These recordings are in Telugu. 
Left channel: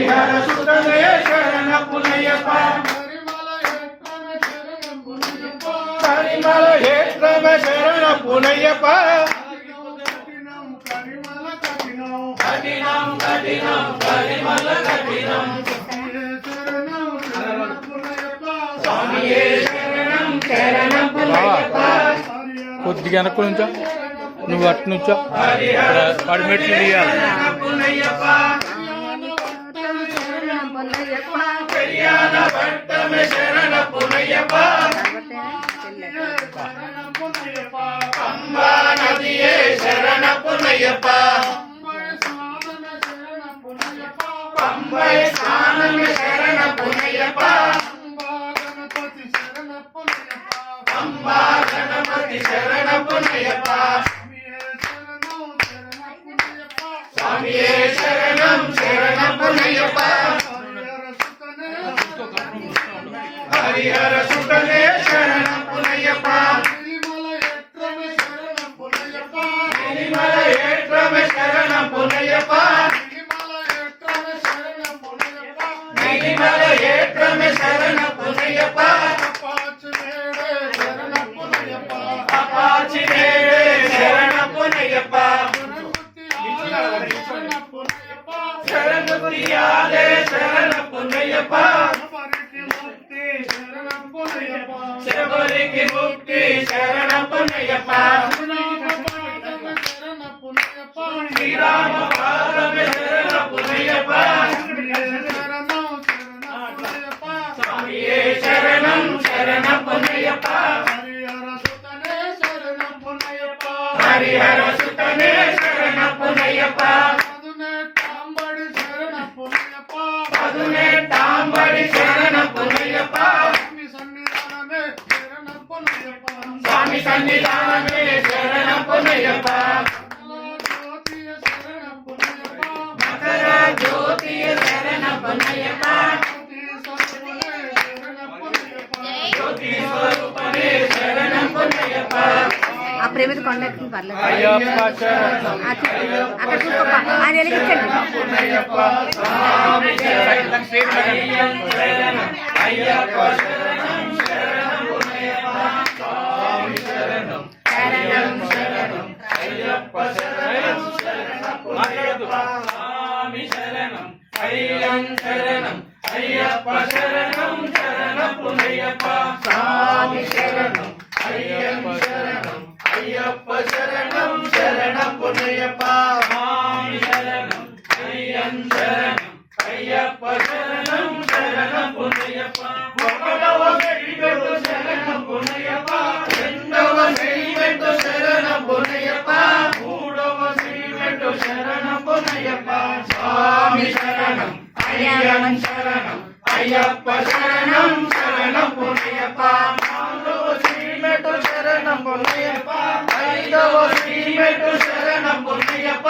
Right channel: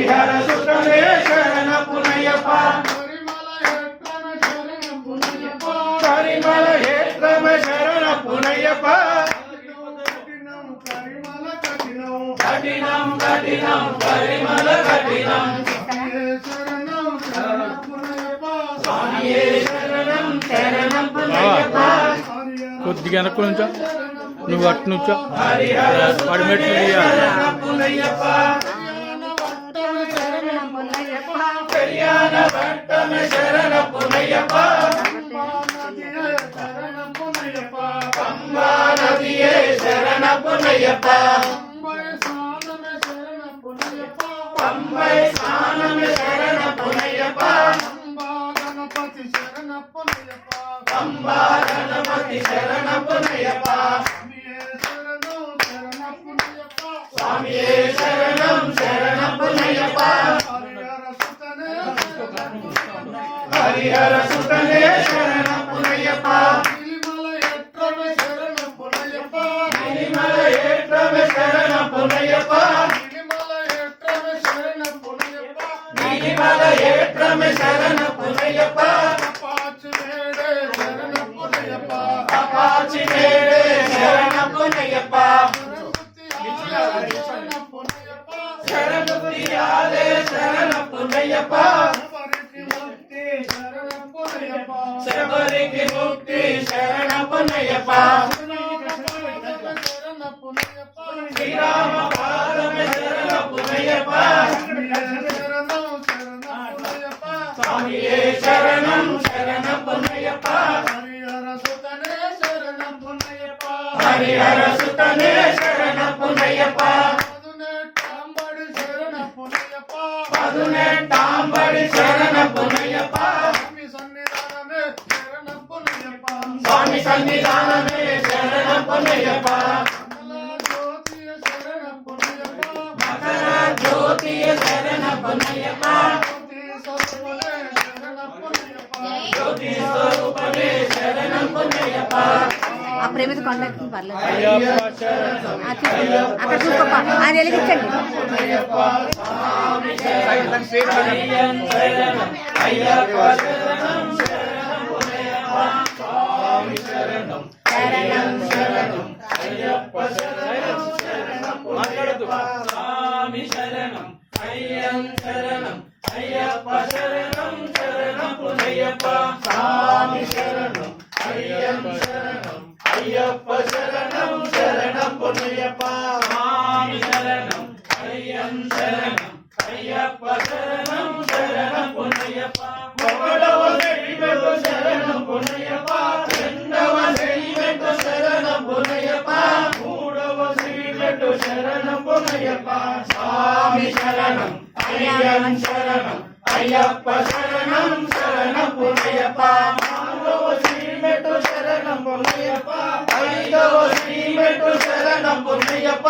హరిహర సుతనే శరణ పునయ్యప్ప కరిమల హేత్రమ శరణ పునయ్యప్ప కఠినం కఠినం కరిమల కఠినం స్వామియే శరణం శరణం పునయ్యప్ప కొద్దిగా వెనక్కు నుంచో నువ్వు అటు నుంచో వాడి మెట్లు తీయాలి పెరియాన భట్టమ శరణ పునయ్యప్ప పంబా నదియే శరణ పునయ్యప్ప పంబై స్నానమే శరణ పునయ్యప్ప పంబా గణపతి శరణ పునయ్యప్ప స్వామియే శరణం శరణం పునయ్యప్ప హరిహర సుతనే శరణం పునయ్యప్ప గిరిమల ఏట్రమే శరణం పునయ్యప్ప గిరిమల ఏట్రమే శరణం పునయ్యప్ప అపాచి నేడే శరణం పునయ్యప్ప శరణ గురియాలే శరణం పునయ్యప్ప శబరికి ముక్తి శరణం పునయ్యప్ప శ్రీరామ పాదమే శరణం పునయ్యప్ప స్వామియే శరణం శరణం పునయ్యప్ప హరిహర సుతనే శరణం పునయ్యప్ప పదునెట్టాంబడి శరణం పునయ్యప్ప స్వామి సన్నిధానమే శరణం పునయ్యప్ప మకర జ్యోతియ శరణం పునయ్యప్ప జ్యోతి స్వరూపమే శరణం పునయ్యప్ప ఆ ప్రేమిత కొండకి పర్లేదు అక్కడ చూసుకోప్ప ఆయన వెలిగించండి అయ్యప్ప శరణం శరణం పునయ్యప్ప స్వామి శరణం అయ్యప్ప శరణం శరణం పునయ్యప్ప స్వామి శరణం అయ్యప్ప శరణం శరణం పునయ్యప్ప ఒకడవ శ్రీమెట్టు శరణం పునయ్యప్ప రెండవ శ్రీమెట్టు శరణం పునయ్యప్ప మూడవ శ్రీమెట్టు శరణం పునయ్యప్ప స్వామి శరణం అయ్యప్ప శరణం అయ్యప్ప శరణం శరణం పునయ్యప్ప నాలుగవ శ్రీమెట్టు శరణం పునయ్యప్ప ఐదవ శ్రీమెట్టు శరణం పునయ్యప్ప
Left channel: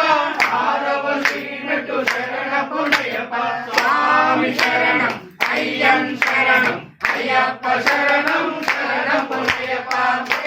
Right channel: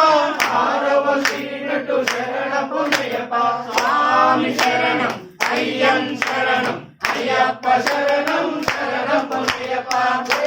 ఆరవ శ్రీమెట్టు శరణం పునయ్యప్ప స్వామి శరణం అయ్యం శరణం అయ్యప్ప శరణం శరణం పునయ్యప్ప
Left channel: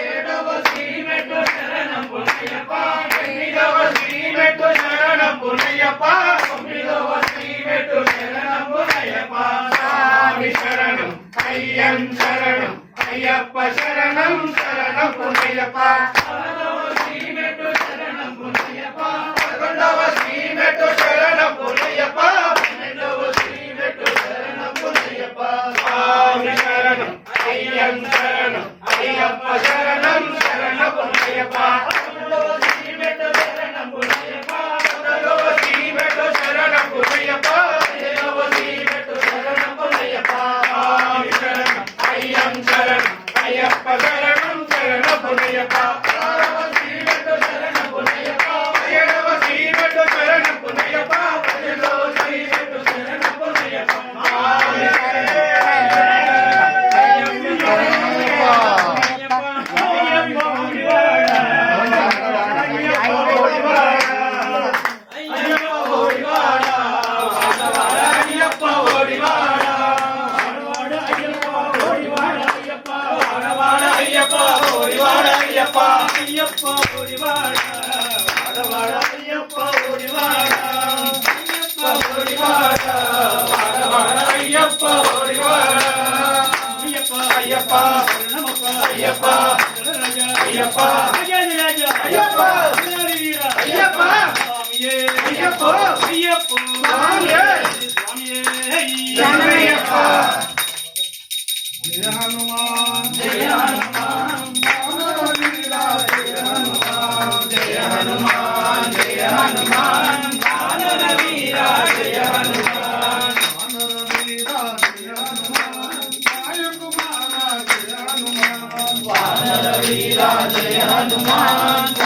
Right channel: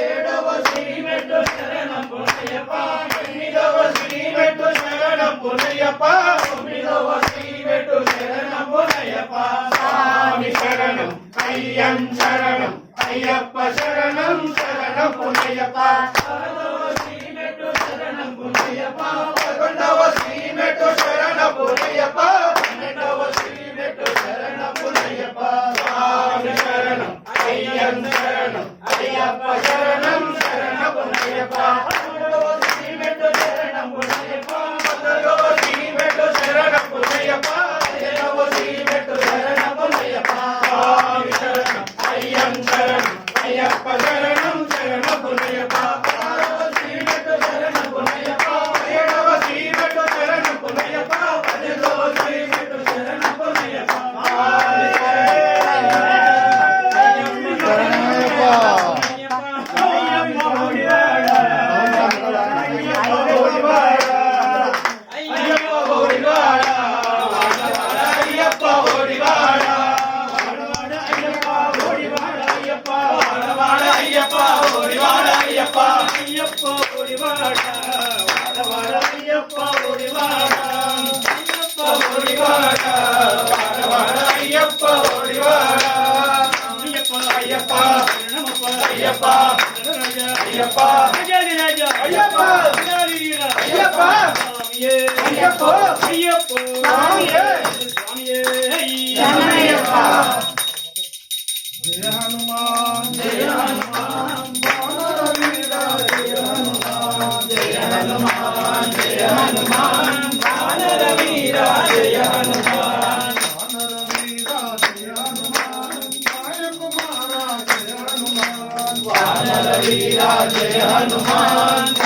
ఏడవ శ్రీమెట్టు శరణం పునయ్యప్ప ఎనిమిదవ శ్రీమెట్టు శరణం పునయ్యప్ప తొమ్మిదవ శ్రీమెట్టు శరణం పునయ్యప్ప స్వామి శరణం అయ్యం శరణం అయ్యప్ప శరణం శరణం పునయ్యప్ప పదవ శ్రీమెట్టు శరణం పునయ్యప్ప పదకొండవ శ్రీమెట్టు శరణం పునయ్యప్ప పన్నెండవ శ్రీమెట్టు శరణం పునయ్యప్ప స్వామి శరణం అయ్యం శరణం అయ్యప్ప శరణం శరణం పునయ్యప్ప పదకొండవ శ్రీమెట్టు శరణం పునయ్యప్ప పదకొండవ శ్రీమెట్టు శరణం పునయ్యప్ప పదిహేనవ శ్రీమెట్టు శరణం పునయ్యప్ప స్వామి శరణం అయ్యం శరణం అయ్యప్ప శరణం శరణం పునయ్యప్ప ఆరవ శ్రీమెట్టు శరణం పునయ్యప్ప పదిహేడవ శ్రీమెట్టు శరణం పునయ్యప్ప పదిహేడవ శ్రీమెట్టు శరణం పునయ్యప్ప స్వామి అయ్యప్ప ఒడివాడ అయ్యప్ప ఒడివాడ అయ్యప్ప అయ్యప్ప రాజాది రాజా అయ్యప్ప వీరాది వీరా అయ్యప్ప స్వామియే అయ్యప్ప అయ్యప్ప స్వామియే స్వామియే శరణయ్యప్ప జయ హనుమాన్ జయ హనుమాన్ వానర వీరా జయ హనుమాన్ జయ హనుమాన్ జయ హనుమాన్ వానర వీరా జయ హనుమాన్ వానర వీరా జయ హనుమాన్ వాయు కుమార జయ హనుమాన్ వానర వీరా జయ హనుమాన్